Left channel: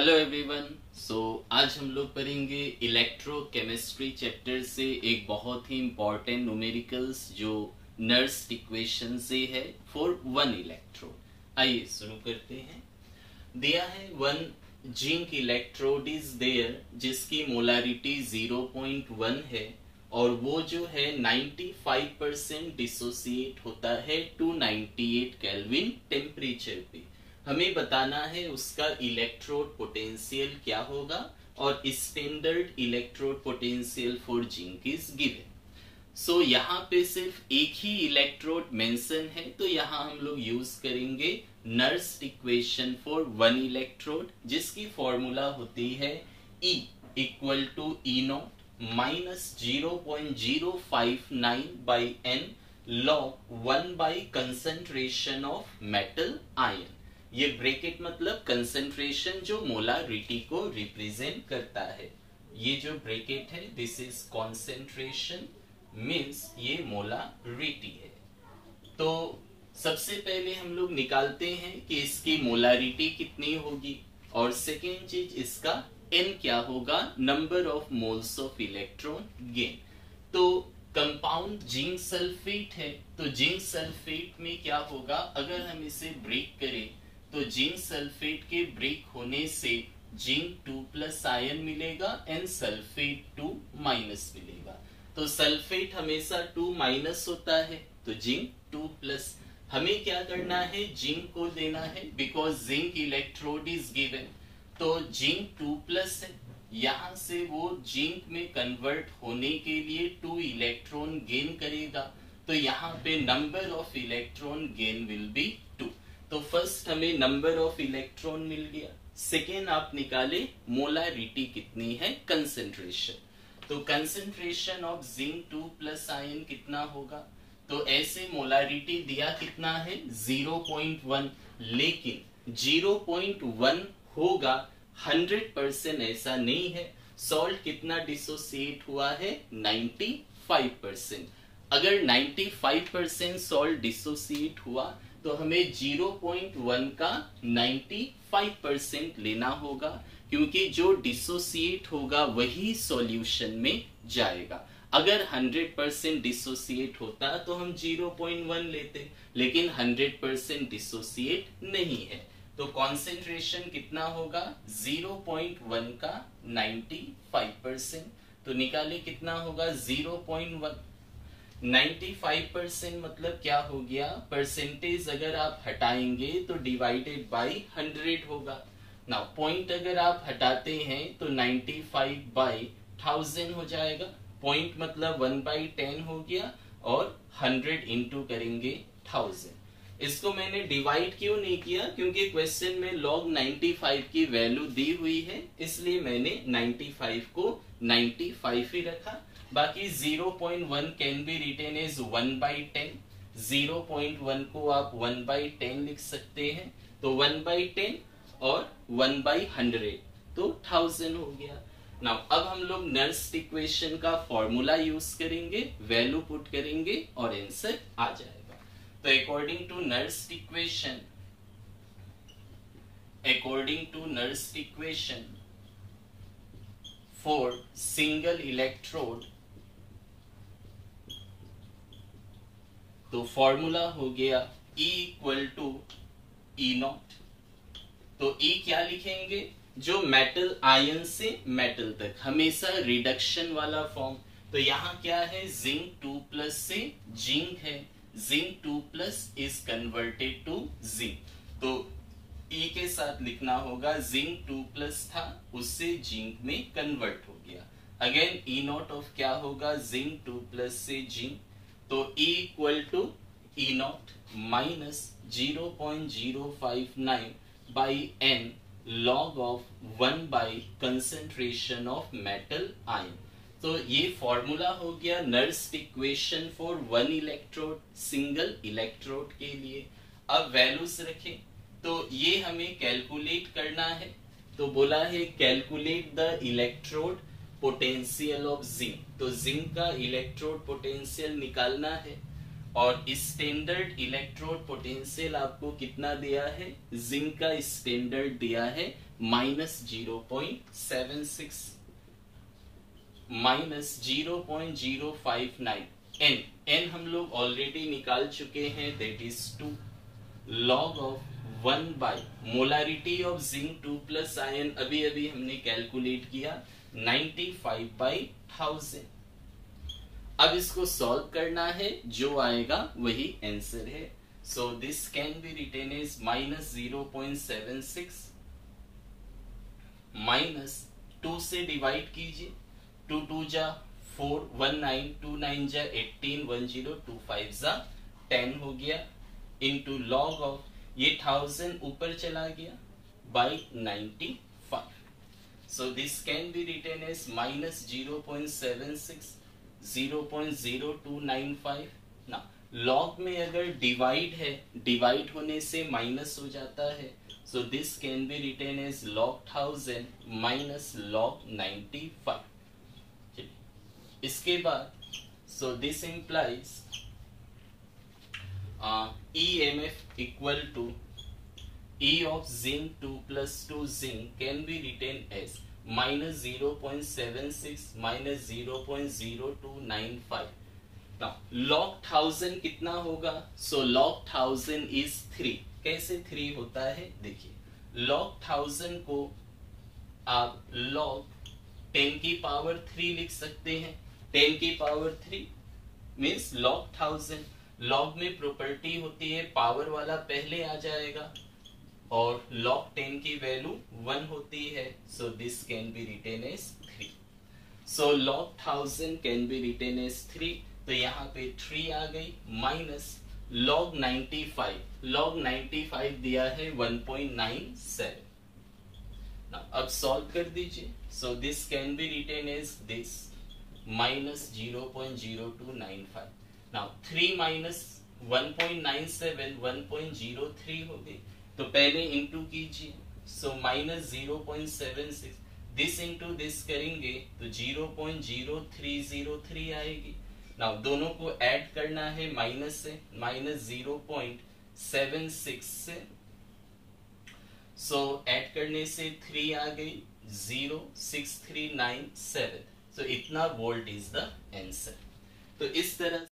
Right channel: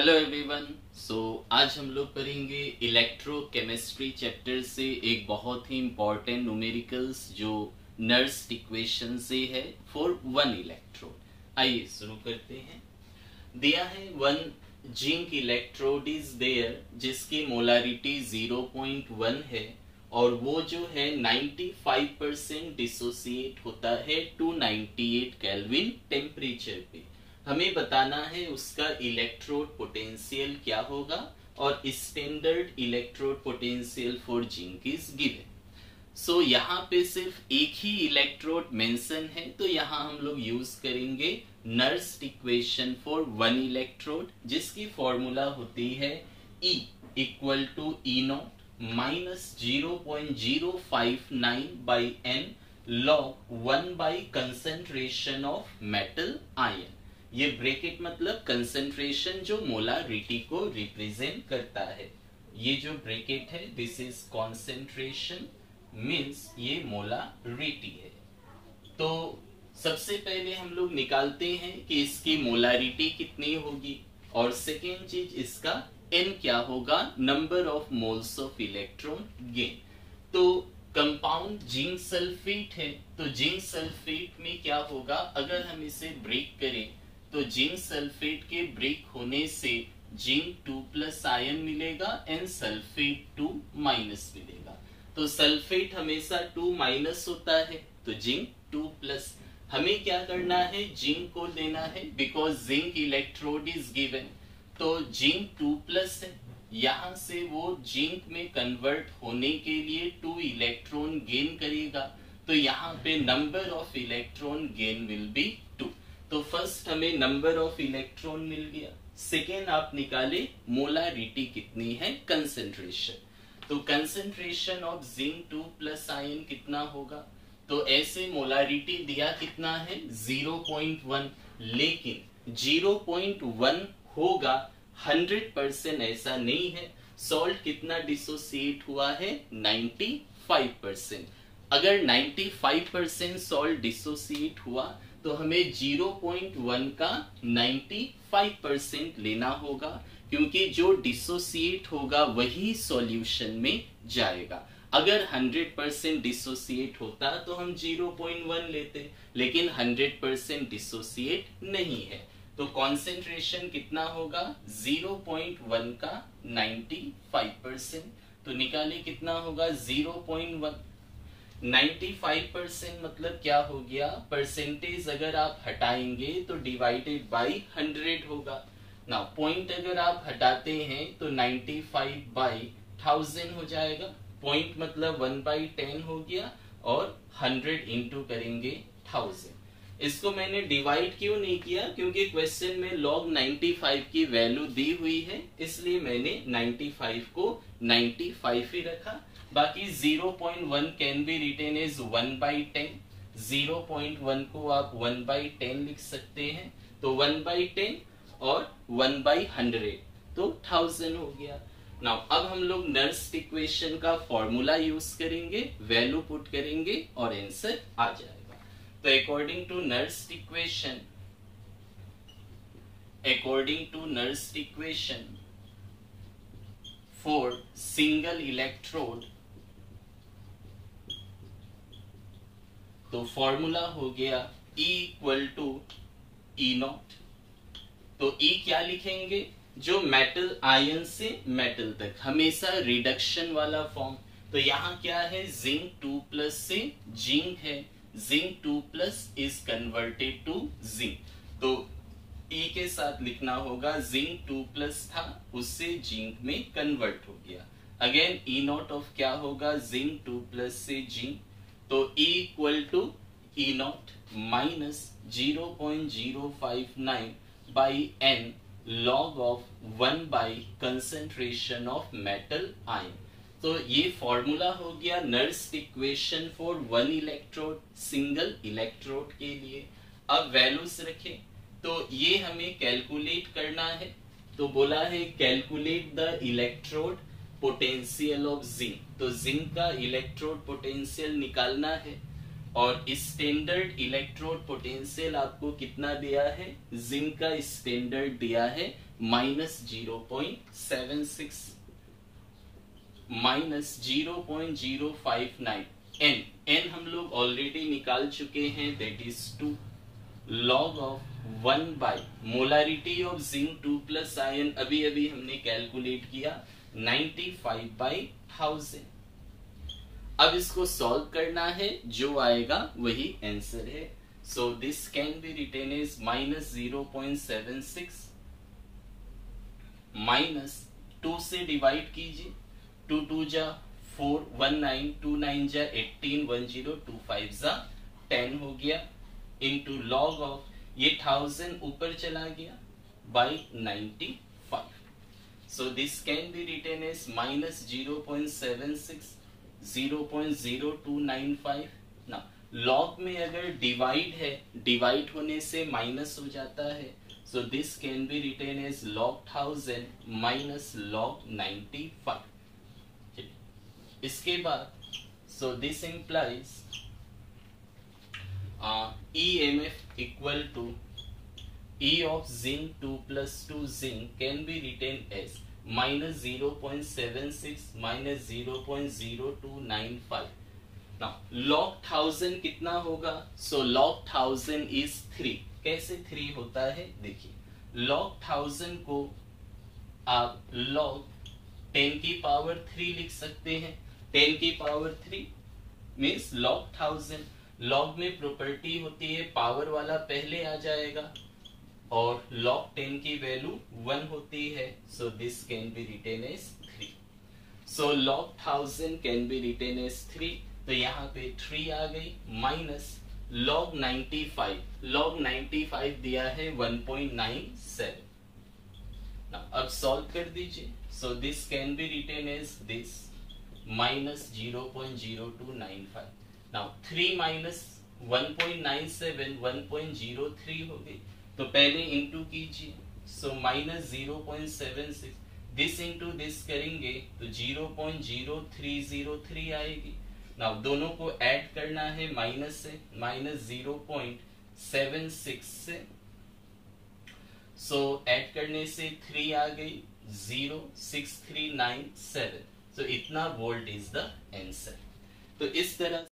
Hello everyone. आज हम लोग पढ़ेंगे इलेक्ट्रोकेमिस्ट्री चैप्टर से एक बहुत ही इम्पोर्टेंट न्यूमेरिकल्स जो नर्स इक्वेशन से है फॉर वन इलेक्ट्रोड। आइए शुरू करते हैं। दिया है one zinc electrode is there जिसकी मोलारिटी 0.1 है और वो जो है 95% डिसोसिएट होता है 298 केल्विन टेम्परेचर पे। हमें बताना है उसका इलेक्ट्रोड पोटेंशियल क्या होगा और standard electrode potential for zinc is given. यहाँ पे सिर्फ एक ही इलेक्ट्रोड मेंशन है तो यहाँ हम लोग यूज करेंगे Nernst equation for one electrode जिसकी फॉर्मूला होती है E equal to E naught minus 0.059 by n log 1 by concentration of metal ion. ये ब्रैकेट मतलब कंसेंट्रेशन जो मोलारिटी को रिप्रेजेंट करता है। ये जो ब्रैकेट है दिस इज कॉन्सेंट्रेशन मीन्स ये मोलारिटी है। तो सबसे पहले हम लोग निकालते हैं कि इसकी मोलारिटी कितनी होगी और सेकेंड चीज इसका n क्या होगा, number of moles of electron gain. तो कंपाउंड जिंक सल्फेट है तो जिंक सल्फेट में क्या होगा, अगर हम इसे ब्रेक करें तो जिंक सल्फेट के ब्रेक होने से जिंक 2+ आयन मिलेगा एंड सल्फेट 2- मिलेगा। तो सल्फेट हमेशा 2- होता है तो जिंक 2+। हमें क्या करना है, जिंक को लेना है because zinc electrode is given. तो जिंक 2+ है, यहां से वो जिंक में कन्वर्ट होने के लिए 2 इलेक्ट्रॉन गेन करेगा तो यहाँ पे number of electron gain will be 2। तो फर्स्ट हमें नंबर ऑफ इलेक्ट्रॉन मिल गया। सेकेंड आप निकाले मोलारिटी कितनी है, कंसेंट्रेशन। तो कंसेंट्रेशन ऑफ जिंक 2+ आयन कितना होगा, तो ऐसे मोलारिटी दिया कितना है 0.1, लेकिन 0.1 होगा 100% ऐसा नहीं है। सॉल्ट कितना डिसोसिएट हुआ है 95%। अगर 95% सॉल्ट डिसोसिएट हुआ तो हमें 0.1 का 95% लेना होगा क्योंकि जो डिसोसिएट होगा वही सॉल्यूशन में जाएगा। अगर 100% डिसोसिएट होता तो हम 0.1 लेते, लेकिन 100% डिसोसिएट नहीं है तो कॉन्सेंट्रेशन कितना होगा 0.1 का 95%। तो निकाले कितना होगा 0.1। 95% मतलब क्या हो गया, परसेंटेज अगर आप हटाएंगे तो डिवाइडेड बाई 100 होगा ना। पॉइंट अगर आप हटाते हैं तो 95/1000 हो जाएगा। पॉइंट मतलब 1/10 हो गया और 100 इंटू करेंगे 1000। इसको मैंने डिवाइड क्यों नहीं किया, क्योंकि क्वेश्चन में log 95 की वैल्यू दी हुई है इसलिए मैंने 95 को 95 ही रखा। बाकी 0.1 कैन बी रिटेन एज 1/10। 0.1 को आप 1/10 लिख सकते हैं तो 1/10 और 1/100 तो 1000 हो गया। नाउ अब हम लोग नर्स इक्वेशन का फॉर्मूला यूज करेंगे, वैल्यू पुट करेंगे और आंसर आ जाएगा। तो according to Nernst equation for single electrode, तो फॉर्मूला हो गया E equal to E naught. तो E क्या लिखेंगे, जो मेटल आयन से मेटल तक हमेशा रिडक्शन वाला फॉर्म। तो यहाँ क्या है, जिंक 2+ से जिंक है, zinc 2+ is converted to zinc. तो E के साथ लिखना होगा जिंक 2+ था उससे जिंक में कन्वर्ट हो गया। अगेन E नॉट ऑफ क्या होगा, जिंक 2+ से जिंक। तो E equal to E naught minus 0.059 by n log of 1 by concentration of metal ion. तो ये फॉर्मूला हो गया Nernst equation for one electrode, single electrode के लिए। अब वैल्यूज रखें तो ये हमें कैलकुलेट करना है। तो बोला है calculate the electrode potential of zinc. तो जिंक का इलेक्ट्रोड पोटेंशियल निकालना है और स्टैंडर्ड इलेक्ट्रोड पोटेंशियल आपको कितना दिया है, जिंक का स्टैंडर्ड दिया है -0.76 -0.059 n हम लोग ऑलरेडी निकाल चुके हैं, that is 2 log of 1 by molarity of zinc 2 plus ion अभी अभी हमने कैलकुलेट किया 95/1000। अब इसको सॉल्व करना है, जो आएगा वही आंसर है। So this can be written as -0.76 minus 2 से डिवाइड कीजिए, 2 2 जा 4, 1 9, 2 9 जा 18, 1 0, 2 5 जा 10 हो गया, इंटू लॉग ऑफ ये 1000 ऊपर चला गया by 95। So this can be written as -0.76 0.0295। ना लॉग में अगर डिवाइड है, डिवाइड होने से माइनस हो जाता है, so this can be written as log 1000 minus log 95। इसके बाद so this implies EMF equal to E of zinc 2 plus 2 zinc can be written as -0.76 -0.0295। Now log 1000 कितना होगा? So log 1000 is 3। कैसे 3 होता है देखिए, log 1000 को आप log 10 की पावर 3 लिख सकते हैं। 10 की पावर 3 मीन्स log 1000। log में प्रॉपर्टी होती है पावर वाला पहले आ जाएगा, और log 10 की वैल्यू 1 होती है, so this can be written as 3। सो log 1000 can be written as 3, तो यहाँ पे 3 आ गई, माइनस log 95 दिया है 1.97। अब सॉल्व कर दीजिए, so this can be written as this -0.0295। Now 3 minus 1.97 1.03 हो गई, तो पहले इंटू कीजिए, सो -0.76 दिस इंटू दिस करेंगे तो 0.0303 आएगी। नाउ दोनों को ऐड करना है माइनस से, -0.76 से, सो ऐड करने से 3 आ गई 06397। सो इतना वोल्ट इज द आंसर। तो इस तरह